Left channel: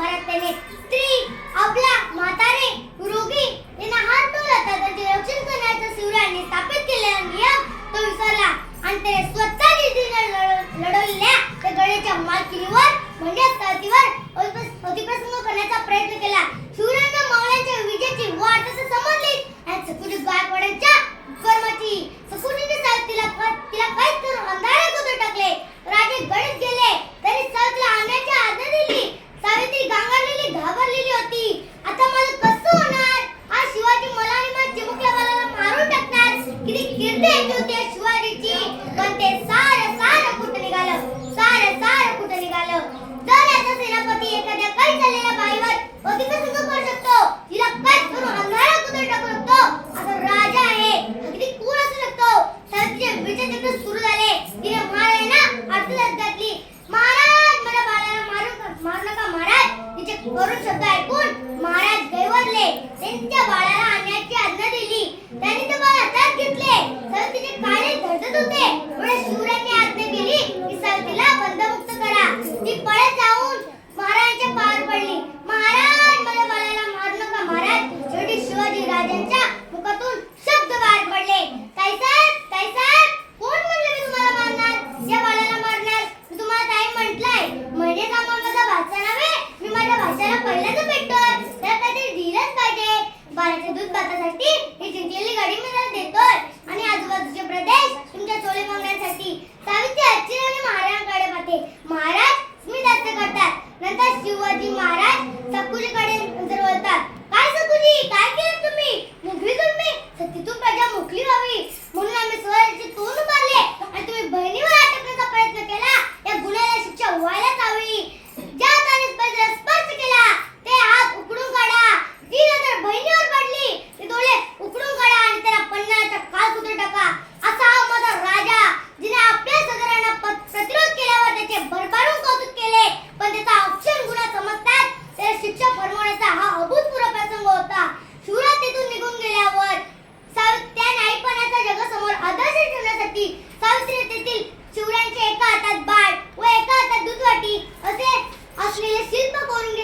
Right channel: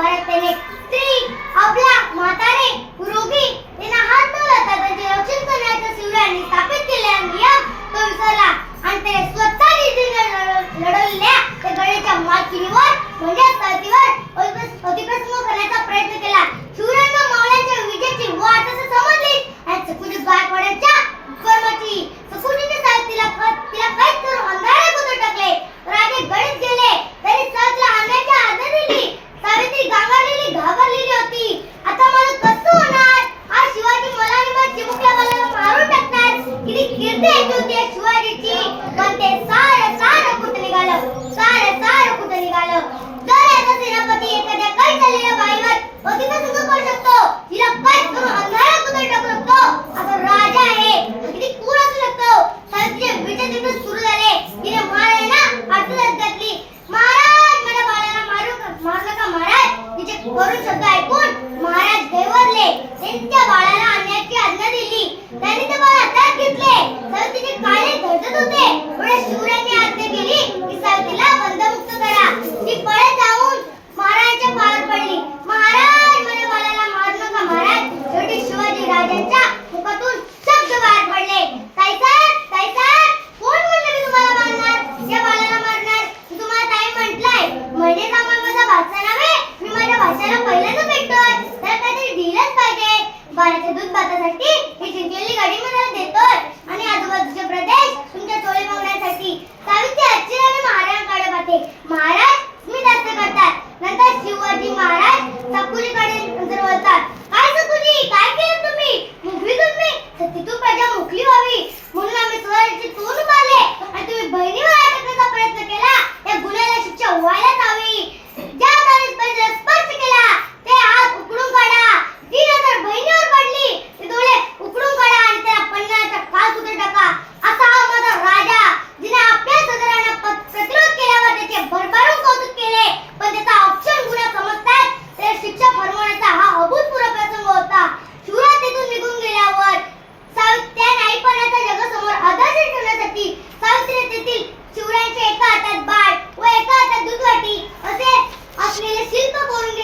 भारत त्याने स्त्री, अबला, म्हातारे, रोगी यांना हात न लावता त्यांचे रक्षण करण्याचा शिवरायांनी स्थापित केलेला नियम तो विसरला आणि त्याने स्वतः निधीने लढवलेल्या त्या गडाच्या मालकीवर म्हणजे स्थळीवर अतिप्रसंग करण्याचा प्रयत्न केला. शिवरायांना मावळ्यांच्या विजयाची वाट असं समजली आणि सकुनीत गायकवाडांच्या कर्माची सकुनीने तिला कैद करून अंधारात उतर टाकले. राजे गडीत गेले तरी सावित्रीला आणण्याची आज्ञा दिली. सावित्री गांगरलेली घाबरलेली होती. आता मला कसं होणार? आज शिवाजी मला आणि माझ्या चिमुकल्या बाळाला मारून टाकणार. किती कीर्ती यायची होती शिवाजीची. पण ते सारं कुठं निघालं. जर याचा सेनापती एखाद्या कैद झालेल्या बाईवर अतिप्रसंग करू शकतो, तिला कैद करून अंधारात उतर टाकू शकतो, आता राजा आहे किती क्रूर असू शकतो. सावित्रीचे विचार तिकडे सुरू झाले. तिने महाराजांना आठवत घातली. महाराज माझ्या बाळाला मारू नका महाराज. तिचे करुण शब्द ऐकून महाराज गैरवरले. त्यांच्या बाळाला आणण्याची आज्ञा दिली. त्यांनी ते बाळ हातात घेतले. सावित्रीचे काळे धडधड होते. पुढे शिवरायांनी आज्ञा केली की सावित्रीला बंदमुक्त करा. ती पळत जाऊन महाराजांच्या पायावर पडली. महाराज माझ्या बाळाला मारू नका महाराज. शेवटी शिवाजी राजांच्या मुखातून शब्द बाहेर पडले. ताईसाहेब कोण म्हणलं मी तुम्हाला मारणार? या बाळाला मारणार? तुम्हाला ताई म्हटलंय. म्हणजे आम्हाला माझा भाचा नव्हे. मी माझ्या भाच्याला पहिल्यांदा भेटतोय. तर काहीतरी दिलंच पाहिजे. बाळाच्या दूध भातासाठी ही जिंकलेली गाडी मी त्याला देतोय आणि आजूबाजूचे प्रदेश तुमच्या चोळी मागण्यासाठी. सावित्री आश्चर्याने महाराजांकडे पाहते. महाराज स्मित हास्य करतात. नंतर शिवाजी महाराज सकुनीकडे नजर वळतात. काय सकुनी, काय केलं तुम्ही? मुकली तुम्ही? सतीतून प्रजा मुकली व्हावी म्हणून आम्ही स्वराज्याचे तोंड उभारले आणि तुम्ही बहिणीवर अटकण्याचा प्रयत्न केला. या गुन्ह्याला शिक्षा व्हायलाच हवी. ज्या तारीख स्पर्श केला ते हात उकडून काढा. जी नजर बहिणीवर पडली ते डोळे उकडून काढा आणि त्याला पन्नाचा काळ कुठे टाका. असा हा माझा राजा जिने आपल्या सदरांना प्रतिरोध केल्यावर त्याचे भरभरून कौतुक केले. पण त्याचा औक्षण गुन्हा समजतात त्याला शिक्षा फरमावण्याचा हा अभूतपूर्व प्रसंग होता. शिवराय तिथून निघून गेल्यावर त्या नाईपणाचा जगासमोर आदर्श ठेवण्यासाठी सावित्री तेथील शिवरायांच्या एका हातात बाळ व एका हातात दूधवाटी असे असलेले शिल्प करून